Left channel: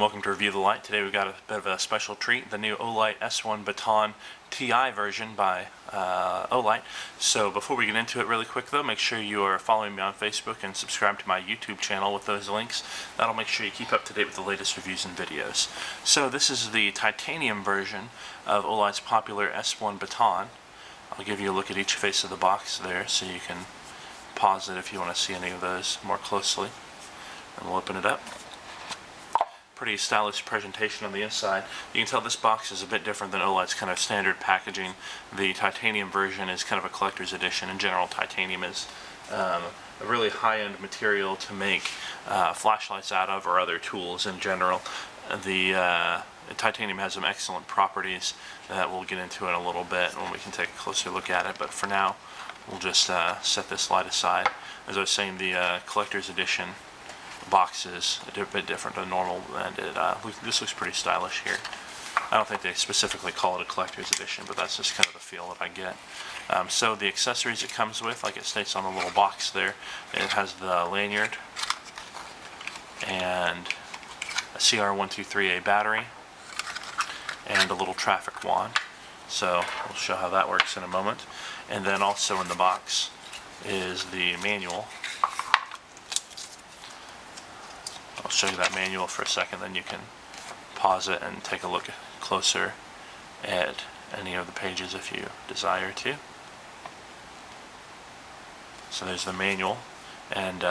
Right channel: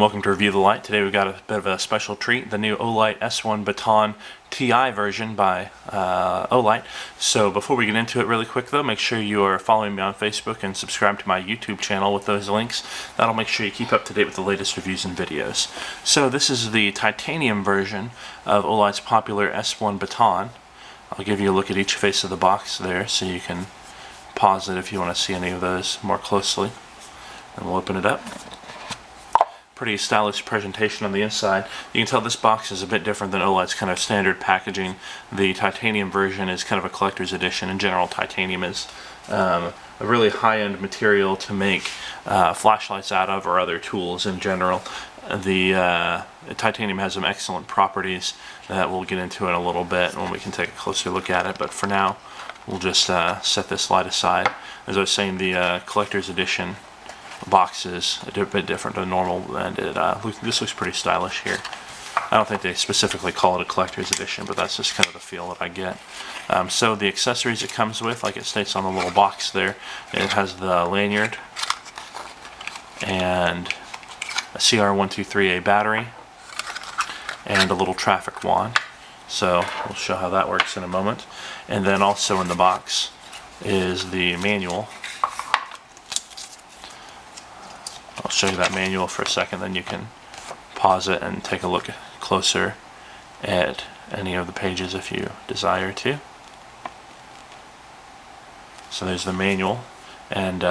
and welcome to Review the Light. Today we've got a bit of a special treat, the new Olight S1 Baton TI version by Olight. So before we get into it really quick though, make sure you are following me on Facebook and subscribe to my YouTube channel with those links. That'll make sure you keep up to date with the latest reviews and videos. So this is the titanium version of Olight's popular S1 Baton. I'll give you a look at each face of the box there so you can pause it if you want to see any of those more closely. And we'll open it up. Pretty stylish presentation on the inside. You can tell this box is a bit different than Olight's kind of standard packaging. The titanium version is kind of a collector's edition. In general, titanium is a really high-end material to make flashlights out of, or other tools in general. The titanium has some excellent properties that we'll get into in a little bit when we can take a closer look at it, but for now we'll just set this light aside. As I was saying, the collector's edition box is a bit different than normal, and this looks pretty stylish here. I don't think they specifically call it a collector's edition, but that's just kind of the feel that I get. So the accessories it comes with, like it states on the little box there, it has the lanyard and a CR123A battery and a little traffic wand. So we'll show how that works in a moment. And then also in the box is the manual. I'll show you that manual for a second, then you can pause it and take a look closer at any of the pages if you desire to. So there's the manual, and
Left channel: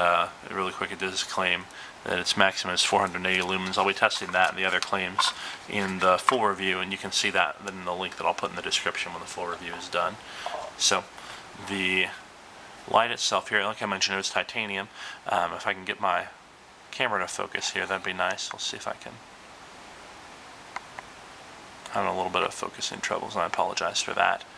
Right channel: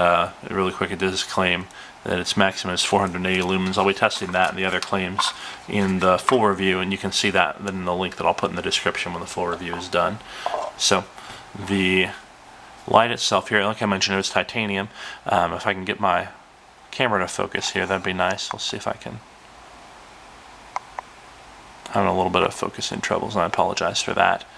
really quick, it does claim that its maximum is 480 lumens. I'll be testing that and the other claims in the full review, and you can see that in the link that I'll put in the description when the full review is done. So the light itself here, like I mentioned, it was titanium. If I can get my camera to focus here, that'd be nice. Let's see if I can. I'm having a little bit of focusing troubles, and I apologize for that.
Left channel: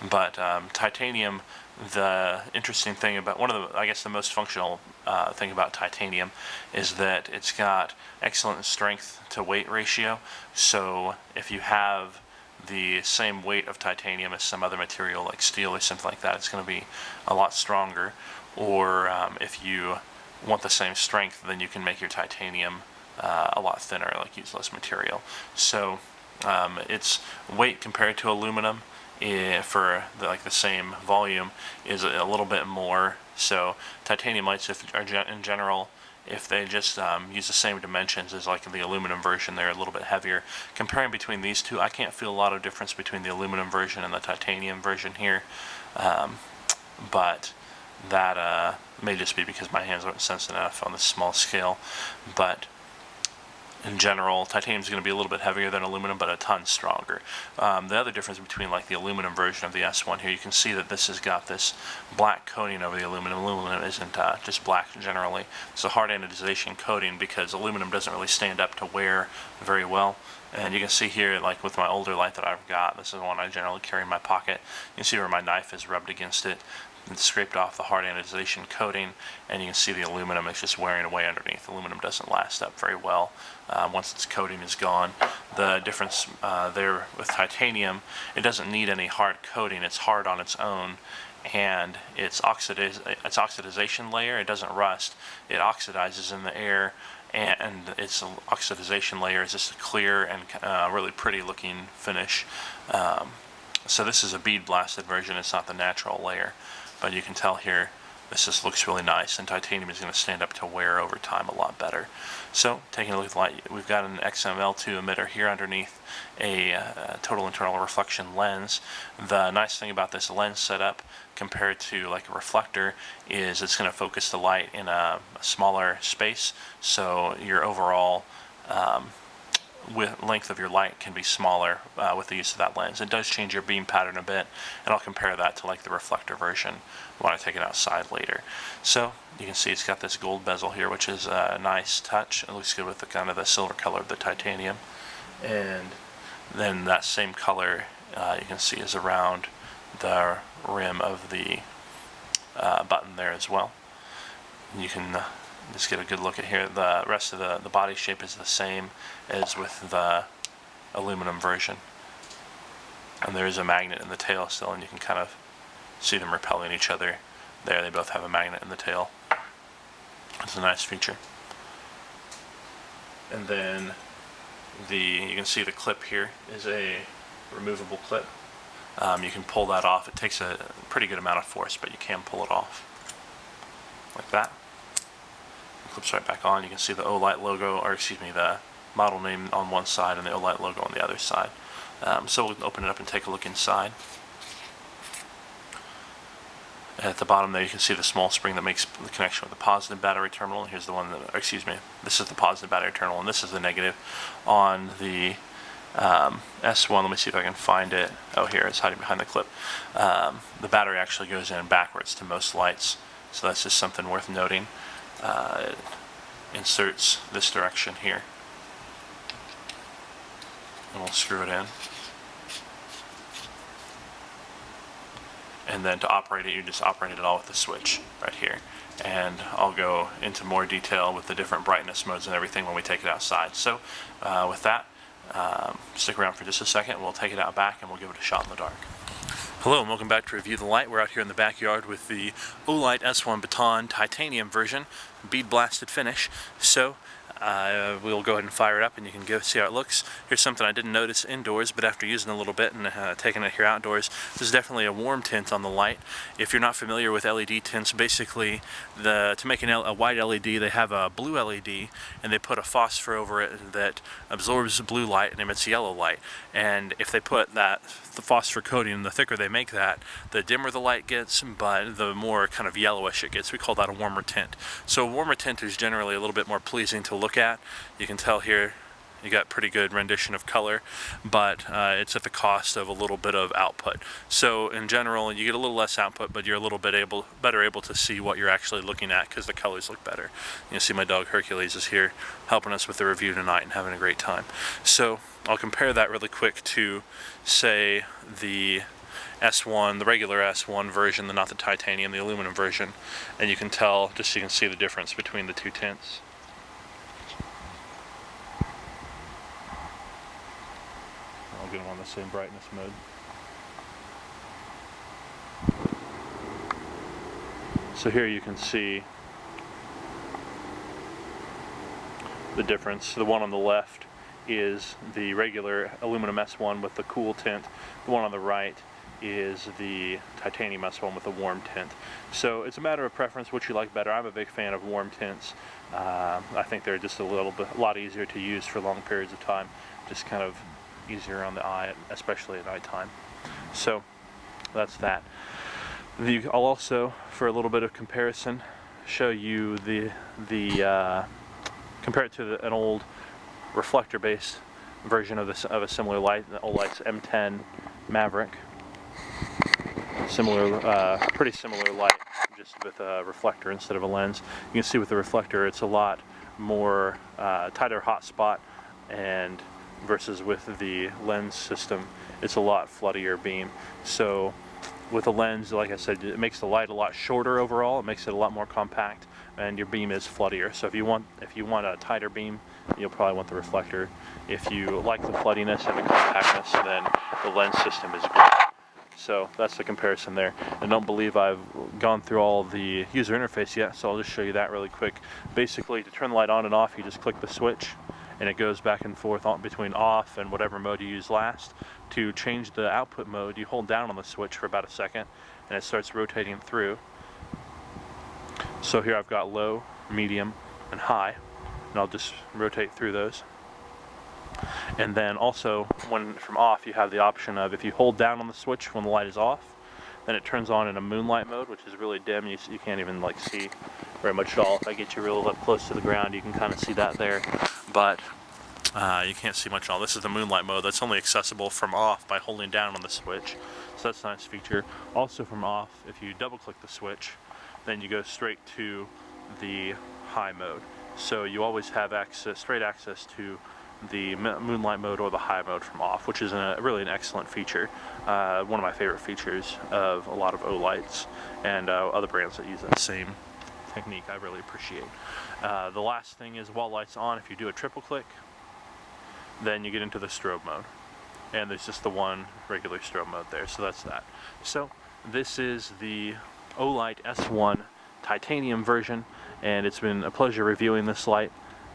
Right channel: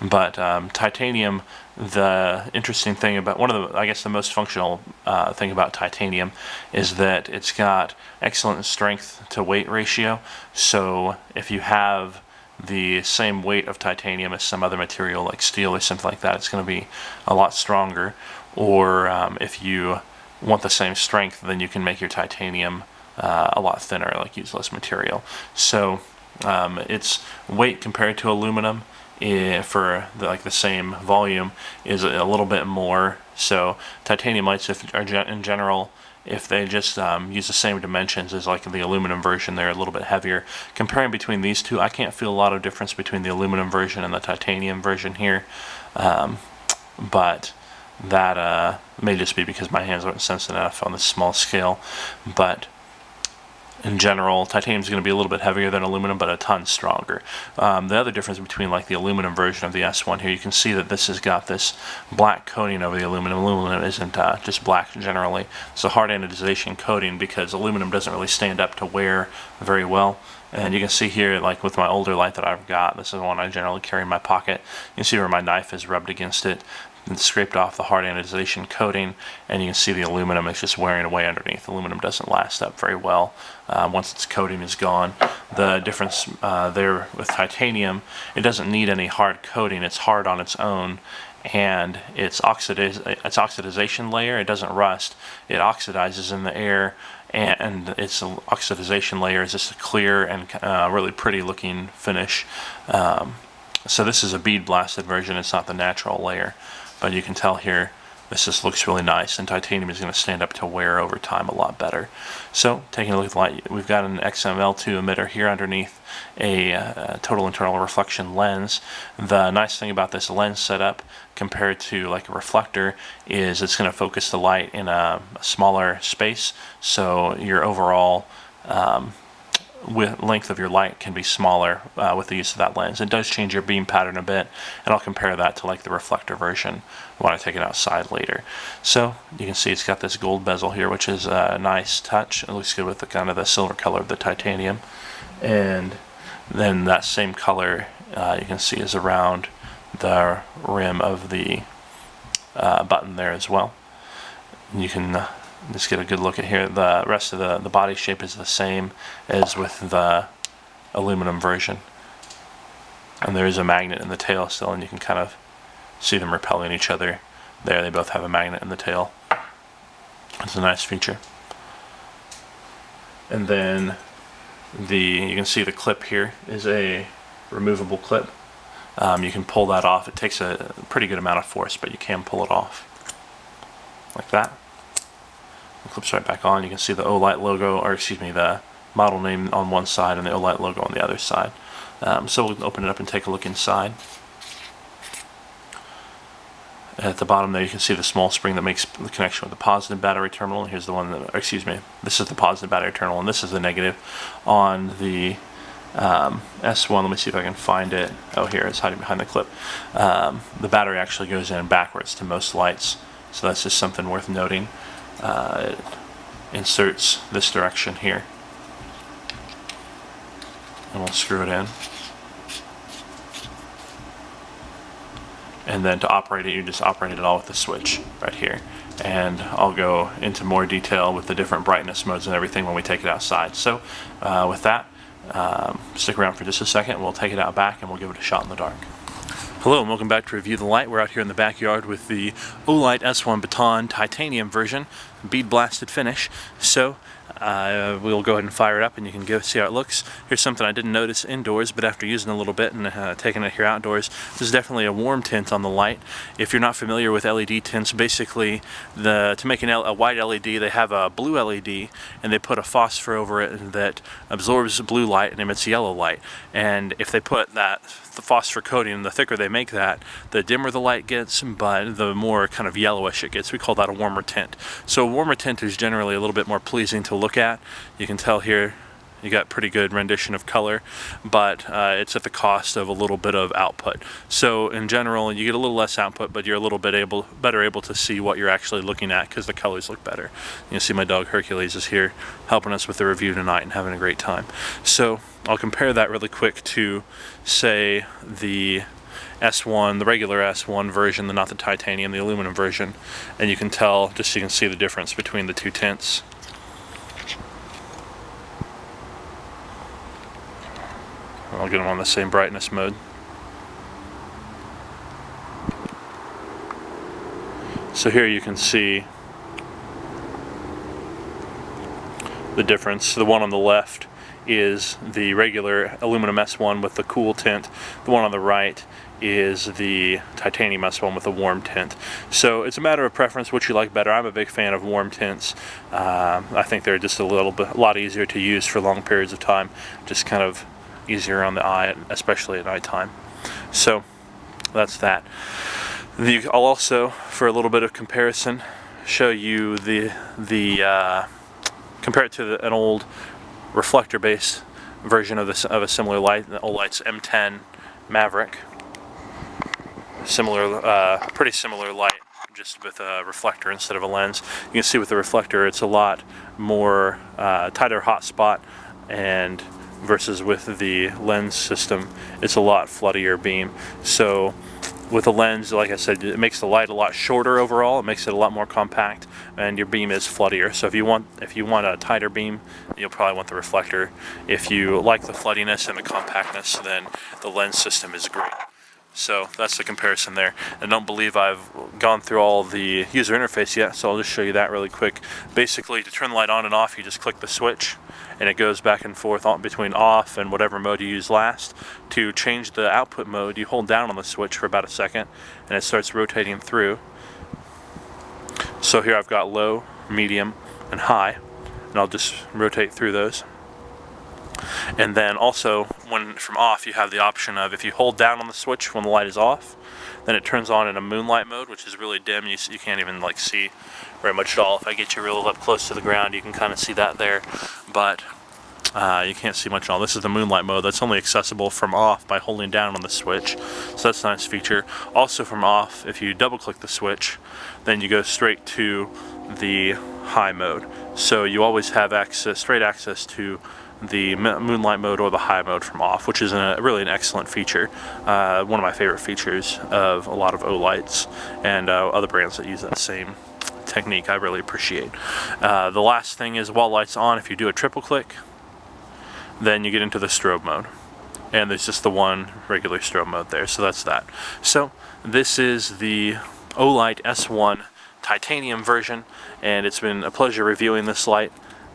But titanium, the interesting thing about, I guess the most functional thing about titanium is that it's got excellent strength to weight ratio. So if you have the same weight of titanium as some other material like steel or something like that, it's going to be a lot stronger. Or if you want the same strength, then you can make your titanium a lot thinner, like use less material. So its weight compared to aluminum for the same volume is a little bit more. So titanium lights, in general, if they just use the same dimensions as like the aluminum version, they're a little bit heavier. Comparing between these two, I can't feel a lot of difference between the aluminum version and the titanium version here, but that may just be because my hands aren't sensitive enough on this small scale. But in general, titanium is going to be a little bit heavier than aluminum, but a ton stronger. The other difference between like the aluminum version of the S1 here, you can see that this has got this black coating over the aluminum. Aluminum isn't just black generally. It's a hard anodization coating because aluminum doesn't really stand up to wear very well. And you can see here, like with my older light that I've got, this is one I generally carry in my pocket. You can see where my knife is rubbed against it and scraped off the hard anodization coating, and you can see the aluminum is just wearing away underneath. Aluminum doesn't last up very well once its coating is gone. The difference there with titanium, it doesn't need any hard coating. It's hard on its own, and its oxidization layer, it doesn't rust. It oxidizes in the air, and its oxidization layer is just a clear and really pretty looking finish. So this is a bead blasted version. It's not the natural layer, but you can tell here this just looks really nice, and titanium is going to stand up to wear over time a lot better. So taking a look at the light, we've got an XML2 emitter here underneath a total internal reflection lens. The nice thing about this lens setup compared to like a reflector is it's going to focus the light in a smaller space, so your overall length of your light can be smaller with the use of that lens. It does change your beam pattern a bit, and I'll compare that to like the reflector version when I take it outside later. So you can see it's got this gold bezel here, which is a nice touch. It looks good with the kind of the silver color of the titanium, and then that same color you can see is around the rim of the button there as well. You can just get a good look at here. The rest of the body shape is the same as with the aluminum version. And there is a magnet in the tail still, and you can kind of see them repelling each other there. They both have a magnet in the tail. It's a nice feature. And then you can see the clip here is a removable clip. You can pull that off. It takes a pretty good amount of force, but you can pull it off like that. It clips right back on. You can see the Olight logo, or excuse me, the model name on one side and the Olight logo on the other side. So we'll open it up and take a look inside. At the bottom there you can see the small spring that makes the connection with the positive battery terminal. And here's the one that, or excuse me, this is the positive battery terminal and this is the negative on the S1. Let me see if I can find it. Oh, here, it's hiding behind the clip. The battery actually goes in backwards to most lights, so that's just something worth noting. It inserts this direction here, and we'll screw it in. And then to operate it, you just operate it all with the switch right here. And I'll go into more detail with the different brightness modes and everything when we take it outside. So with that, stick around for just a second. We'll take it out back and we'll give it a shot in the dark. Hello and welcome back to Review the Light. We're out here in the backyard with the Olight S1 Baton titanium version, bead blasted finish. So we'll go ahead and fire it up and you can go see how it looks. Here's something I didn't notice indoors, but after using a little bit and taking it here outdoors, this is definitely a warm tint on the light. If you're not familiar with LED tints, basically to make a white LED, they have a blue LED and they put a phosphor over it that absorbs blue light and emits yellow light. And if they put the phosphor coating, the thicker they make that, the dimmer the light gets, but the more kind of yellowish it gets. We call that a warmer tint. So a warmer tint is generally a little bit more pleasing to look at. You can tell here you got pretty good rendition of color, but it's at the cost of a little bit of output. So in general, you get a little less output, but you're a little bit better able to see what you're actually looking at because the colors look better. You can see my dog Hercules is here helping us with the review tonight and having a great time. So I'll compare that really quick to, say, the S1, the regular S1 version, not the titanium, the aluminum version, and you can tell, just so you can see the difference between the two tints. I'll get them on the same brightness mode. So here you can see the difference. The one on the left is the regular aluminum S1 with the cool tint. The one on the right is the titanium S1 with a warm tint. So it's a matter of preference, what you like better. I'm a big fan of warm tints. I think they're just a lot easier to use for long periods of time. Just kind of easier on the eye, especially at nighttime. So that's that. I'll also, for a little bit of comparison, show you compare it to an old reflector-based version of a similar light, the Olight's M10 Maverick. Pretty similar light, just with a reflector instead of a lens. You can see with the reflector, it's a lot more tighter hotspot, and versus with the lens system, it's a lot floodier beam. So with a lens, like I said, it makes the light a lot shorter overall. It makes it a lot more compact, and your beam is floodier. So if you want a tighter beam, you'll probably want the reflector. If you like the floodiness and the compactness, then the lens system is great. So that's the comparison there. I don't believe I've gone through all the user interface yet, so I'll just show you that really quick. Basically, to turn the light on and off, you just click the switch, and it goes back and forth between off and whatever mode you use last. To change the output mode, you hold down on the switch for about a second, and it starts rotating through. So here I've got low, medium, and high, and I'll just rotate through those. And then also, from off, you have the option of, if you hold down on the switch when the light is off, then it turns on in a moonlight mode, which is really dim. You can't even see very much at all. If I get you real up close to the ground, you can kind of see that there, but you can't see much at all. This is the moonlight mode. That's only accessible from off by holding down on the switch, so that's a nice feature. Also from off, if you double click the switch, then you go straight to the high mode. So you always have straight access to the moonlight mode or the high mode from off, which is really an excellent feature. One of my favorite features of a lot of Olights and other brands that use that same technique. I really appreciate. The last thing is, while light's on, if you do a triple click, then you get into the strobe mode, and there's just the one regular strobe mode there. So that's that. So this is the Olight S1 titanium version, and it's been a pleasure reviewing this light.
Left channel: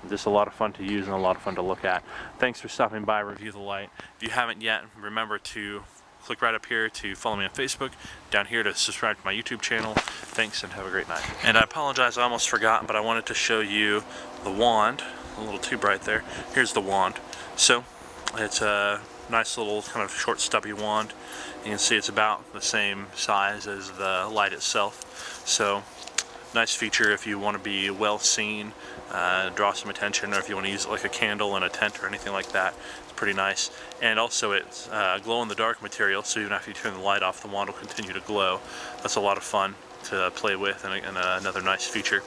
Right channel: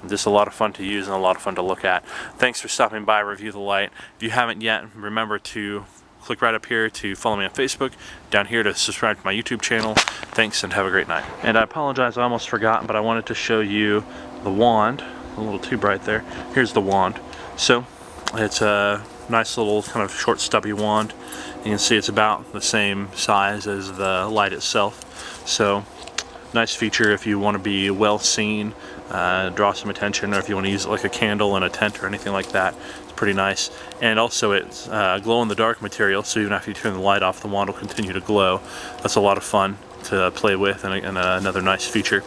Just a lot of fun to use and a lot of fun to look at. Thanks for stopping by Review the Light. If you haven't yet, remember to click right up here to follow me on Facebook, down here to subscribe to my YouTube channel. Thanks and have a great night. And I apologize, I almost forgot, but I wanted to show you the wand. A little too bright there. Here's the wand. So it's a nice little kind of short stubby wand. You can see it's about the same size as the light itself. So nice feature if you want to be well seen, draw some attention, or if you want to use it like a candle in a tent or anything like that. It's pretty nice. And also it's glow-in-the-dark material, so even after you turn the light off, the wand will continue to glow. That's a lot of fun to play with, and another nice feature.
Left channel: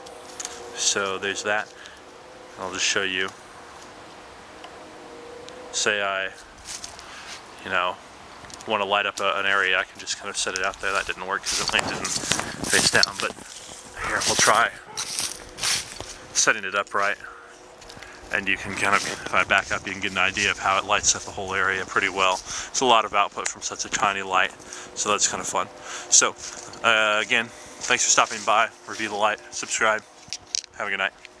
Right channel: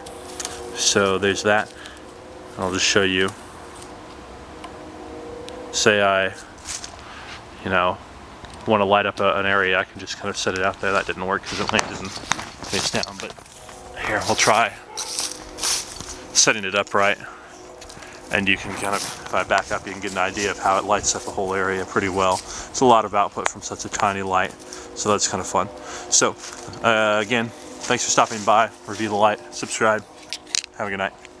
So there's that. I'll just show you. Say I, want to light up an area, I can just kind of set it out there. That didn't work because it landed face down, but here, we'll try setting it up right. And you can kind of, if I back up, you can get an idea of how it lights up the whole area pretty well. It's a lot of output from such a tiny light, so that's kind of fun. So, again, thanks for stopping by. Review the Light, subscribe. Have a good night.